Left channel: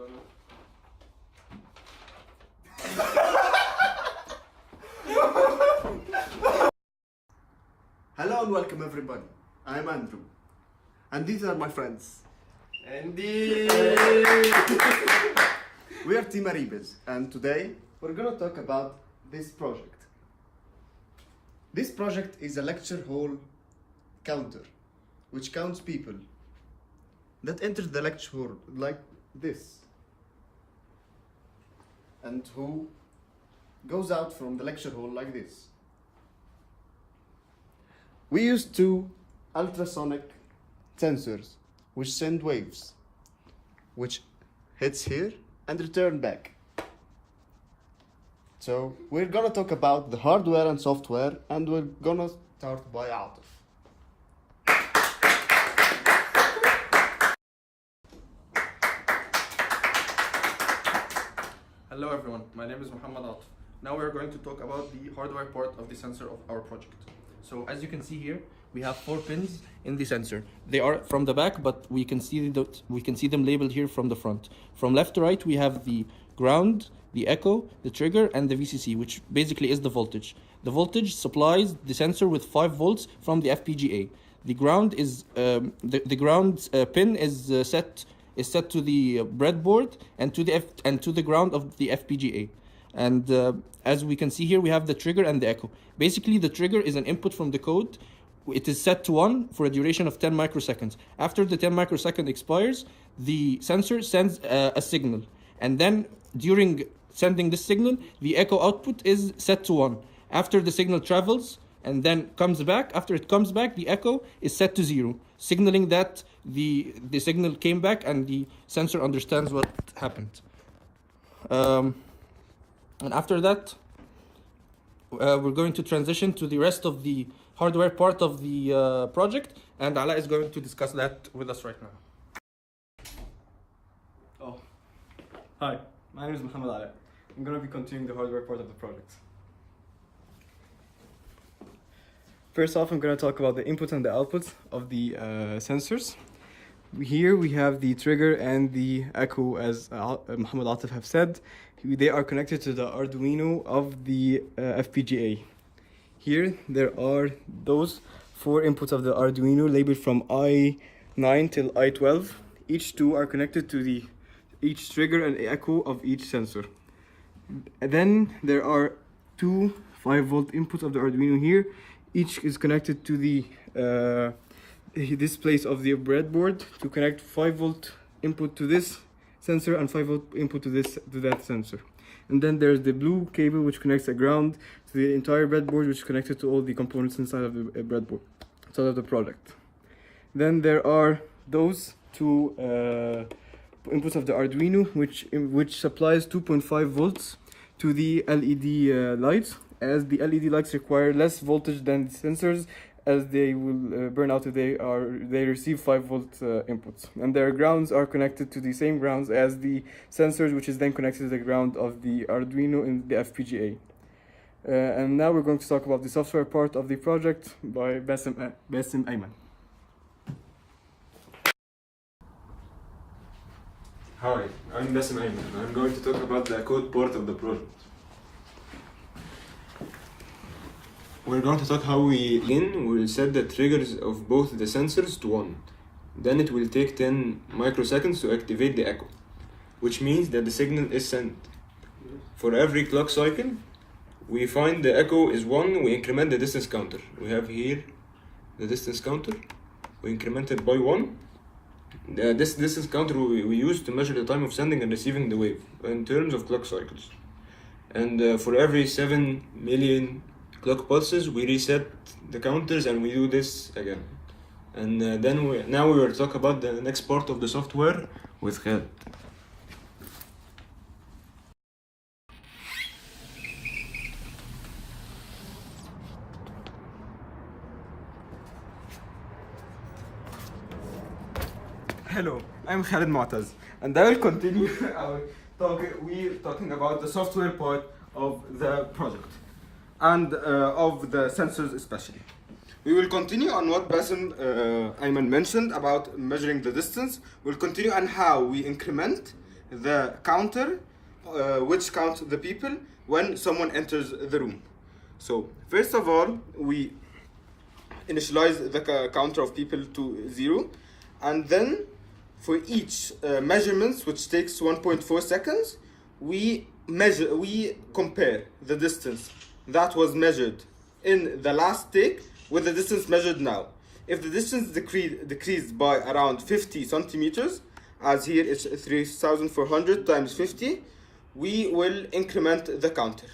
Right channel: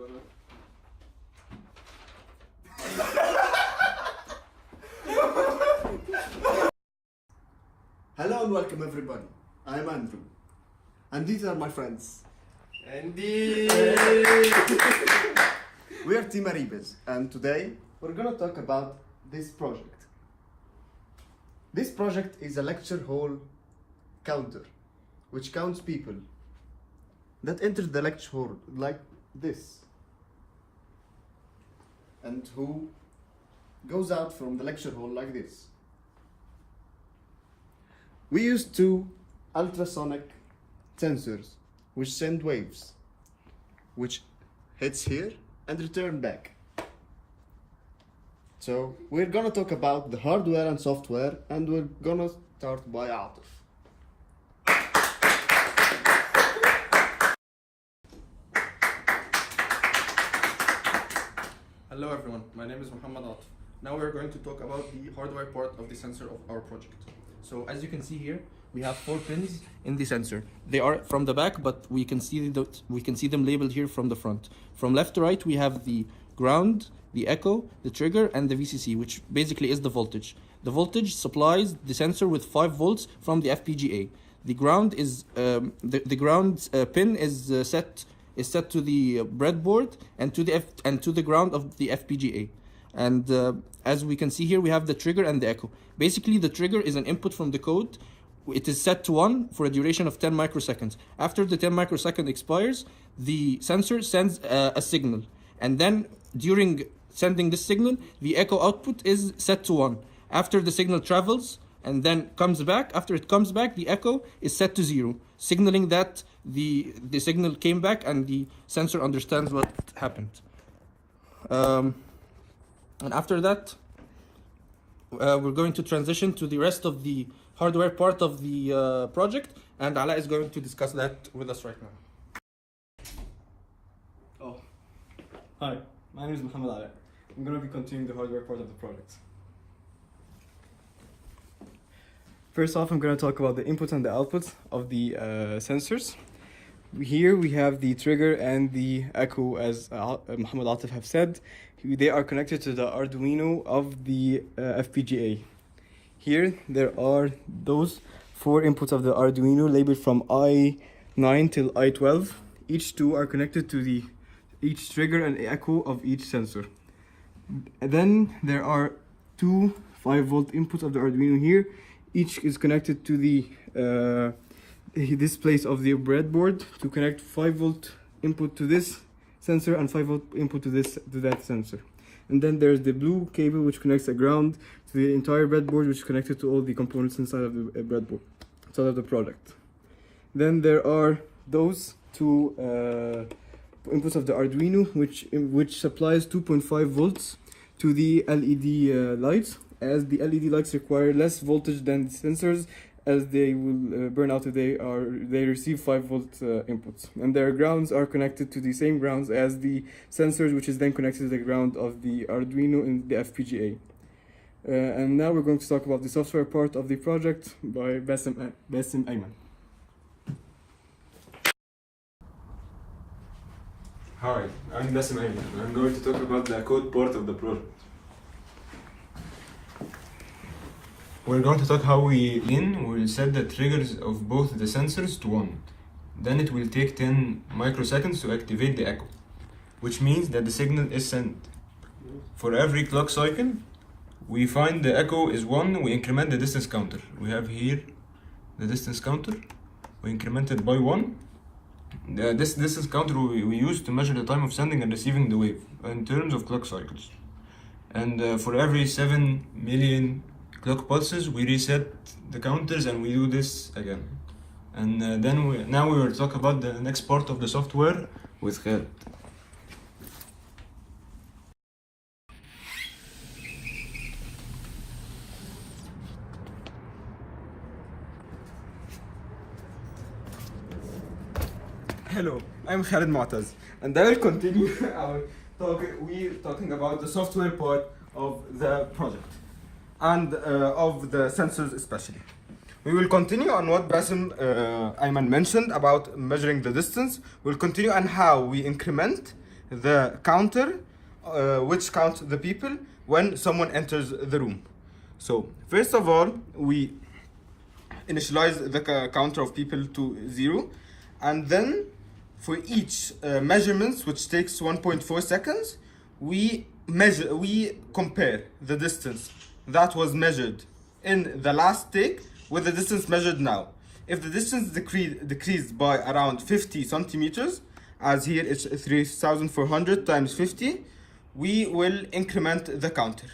gonna... Hello and welcome everybody. I'm Andrew. And these are my friends. Andy! We are Team Aribaz, and today we're gonna talk about this project. This project is a lecture hall counter, which counts people that enter the lecture hall like this, and who goes out from the lecture hall like this. We use two ultrasonic sensors which send waves, which hits here and return back. So we're gonna talk about the hardware and software, and we're gonna start by Atif. Hello everyone, my name is Muhammad Atif. Now we are going to talk about the hardware part of the sensor of our project. So as you can see here, we have 4 pins in the sensor. They are from the back, but we can see them labeled here from the front. From left to right, we have the ground, the echo, the trigger, and the VCC, which basically is the voltage. The voltage supplies the sensor with 5 volts from the FPGA. The ground is the ground pin is set to the breadboard and to the ground of the FPGA. And as we can see here, we have the trigger and the echo. Basically, the trigger is an input from the code. It is set to 1 for a duration of 10 microseconds. After the 10 microsecond expires, the sensor sends a signal. And then during sending this signal, the echo output is set to 1. After the signal travels and then comes back, after it comes back, the echo is set to 0, signaling that the signal came back and the sensor understands what happened. And after that, we're going to transition to the rest of the hardware part of the project, and Ala is going to discuss that with us right now. Hi, my name is Muhammad Ali. I'm going to be continuing the hardware part of the project. First off, I'm going to talk about the input and the output of the sensors. Here we have the trigger and the echo, as Muhammad Atif have said. They are connected to the Arduino of the FPGA. Here there are those 4 inputs of the Arduino labeled from I9 till I12. Each 2 are connected to each trigger and echo of each sensor. And then there are 2 5-volt inputs of the Arduino here. Each is connected to this place of the breadboard to connect 5-volt input to this sensor and 5-volt input to that sensor. And then there's the blue cable which connects a ground to the entire breadboard, which is connected to all the components inside of the breadboard, inside of the product. Then there are those 2 inputs of the Arduino, which supplies 2.5 volts to the LED lights, as the LED lights require less voltage than the sensors, as they will burn out if they receive 5-volt inputs. And their grounds are connected to the same grounds as the sensors, which is then connected to the ground of the Arduino in the FPGA. And now we're going to talk about the software part of the project by Basim Ayman. Hi, I'm Basim Ayman. I'm going to talk about the code part of the project. We're going to talk how we'll set the triggers of both the sensors to 1. Then it will take 10 microseconds to activate the echo, which means that the signal is sent. For every clock cycle, we find the echo is 1, we increment the distance counter. We have here the distance counter, we increment it by 1. This distance counter we use to measure the time of sending and receiving the wave in terms of clock cycles. And for every 7 million clock pulses, we reset the counters and we do this again. And now we will talk about the next part of the software with Khaled. Hello, I'm Khaled Mu'taz, and I will continue we're talking about the software part of the project, and of the sensors especially. We will continue on what Basim Ayman mentioned about measuring the distance. We'll continue on how we increment the counter, which counts the people when someone enters the room. So first of all, we initialize the counter of people to 0, and then for each measurements, which takes 1.4 seconds, we compare the distance that was measured in the last take with the distance measured now. If the distance decreased by around 50 centimeters, as here it's 3,400 times 50, we will increment the counter.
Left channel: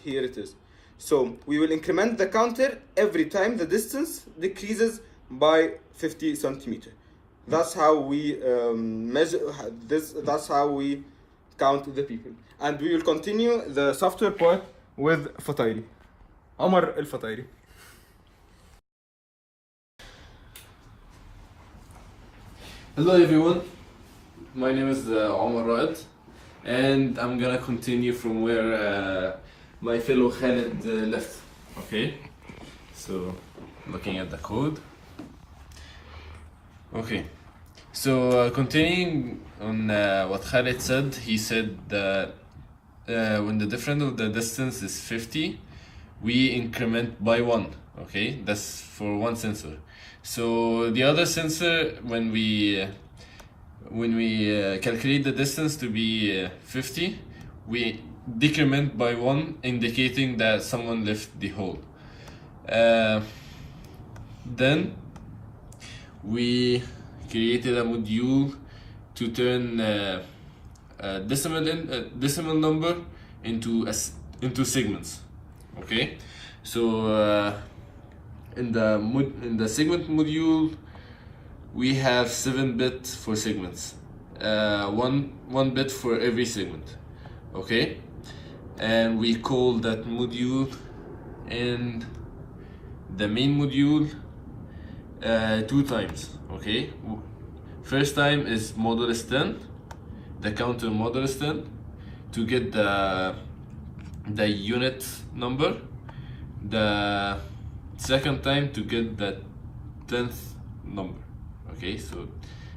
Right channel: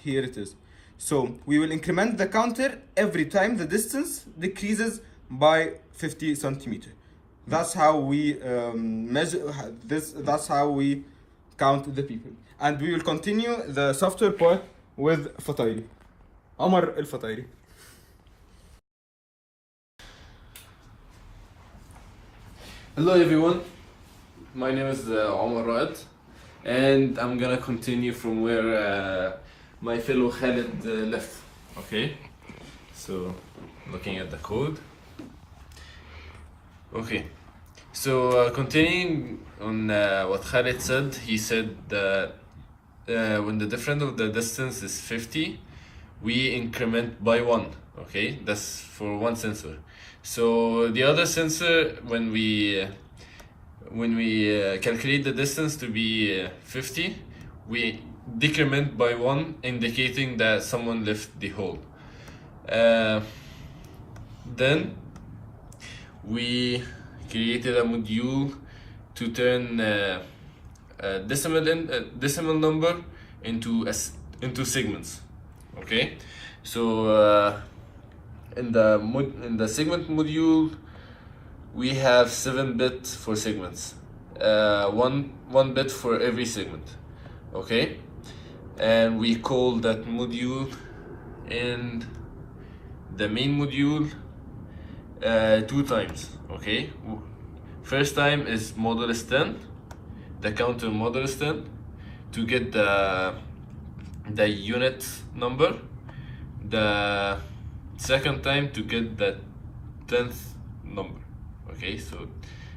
Here it is. So we will increment the counter every time the distance decreases by 50 centimeters. That's how we measure this. That's how we count the people. And we will continue the software part with Fatayri. Omar El Fatayri. Hello everyone, my name is Omar Raed, and I'm gonna continue from where my fellow Khalid left. Okay, so looking at the code. Okay, so continuing on what Khalid said, he said that when the difference of the distance is 50, we increment by 1. Okay, that's for one sensor. So the other sensor, when we calculate the distance to be 50, we decrement by 1, indicating that someone left the hole. Then we created a module to turn a decimal number into segments. Okay, so in the segment module, we have 7 bits for segments, one bit for every segment. Okay, and we call that module in the main module 2 times. Okay, first time is modulus 10, the counter modulus 10, to get the unit number. The second time to get the 10th number. Okay, so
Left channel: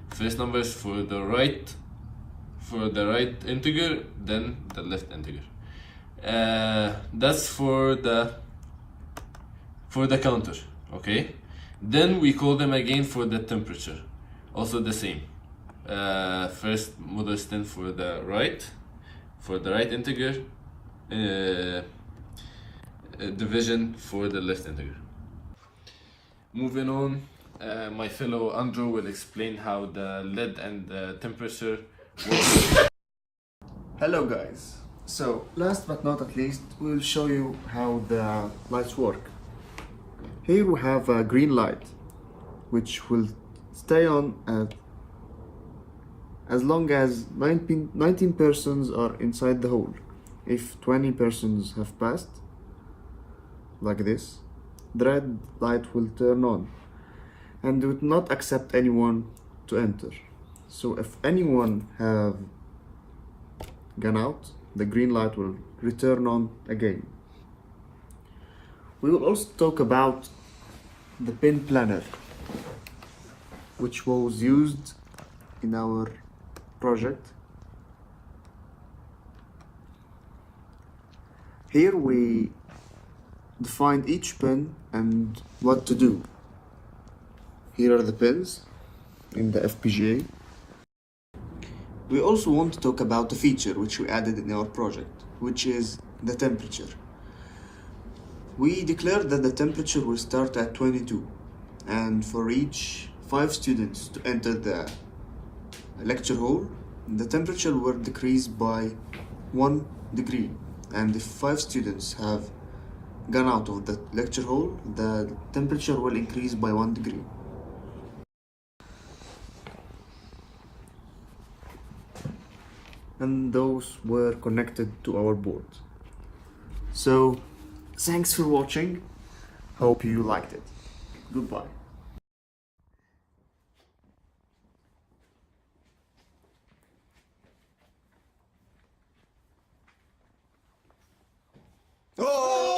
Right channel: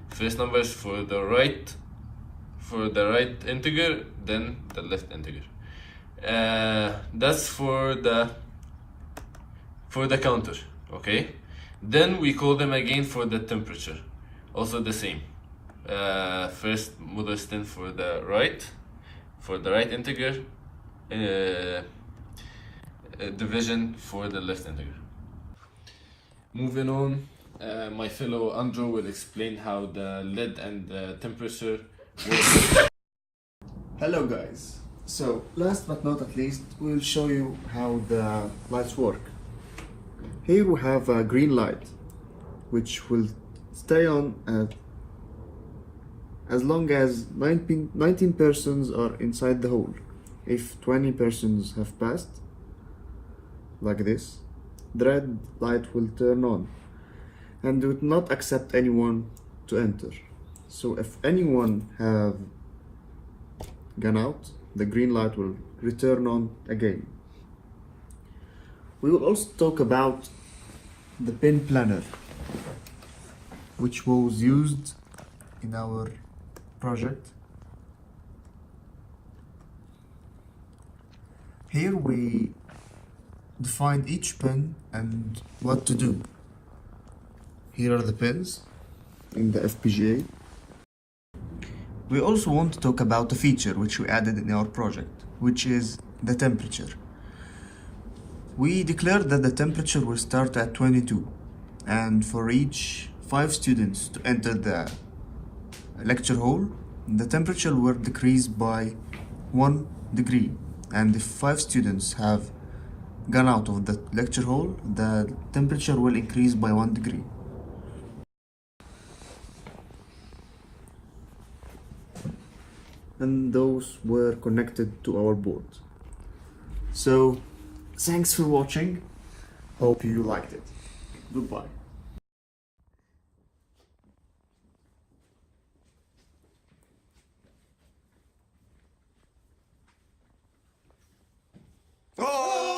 first number is for the right integer, then the left integer. That's for the counter. Okay, then we call them again for the temperature, also the same. First modulus 10 for the right integer, division for the left integer. Moving on, my fellow Andrew will explain how the lead and the temperature work. Hello guys. So last but not at least, we will show you how the lights work. Here we have a green light, which will stay on as long as 19 persons are inside the hole. If 20 persons have passed, like this, the red light will turn on and it will not accept anyone to enter. So if anyone have gone out, the green light will return on again. We will also talk about the pin planner, which was used in our project. Here we defined each pin and what to do. Here are the pins in the FPGA. We also want to talk about a feature which we added in our project, which is the temperature. We declared that the temperature will start at 22, and for each 5 students to enter the lecture hall, the temperature will decrease by 1 degree, and if 5 students have gone out of the lecture hall, the temperature will increase by 1 degree. And those were connected to our board. So, thanks for watching. Hope you liked it. Goodbye. Oh!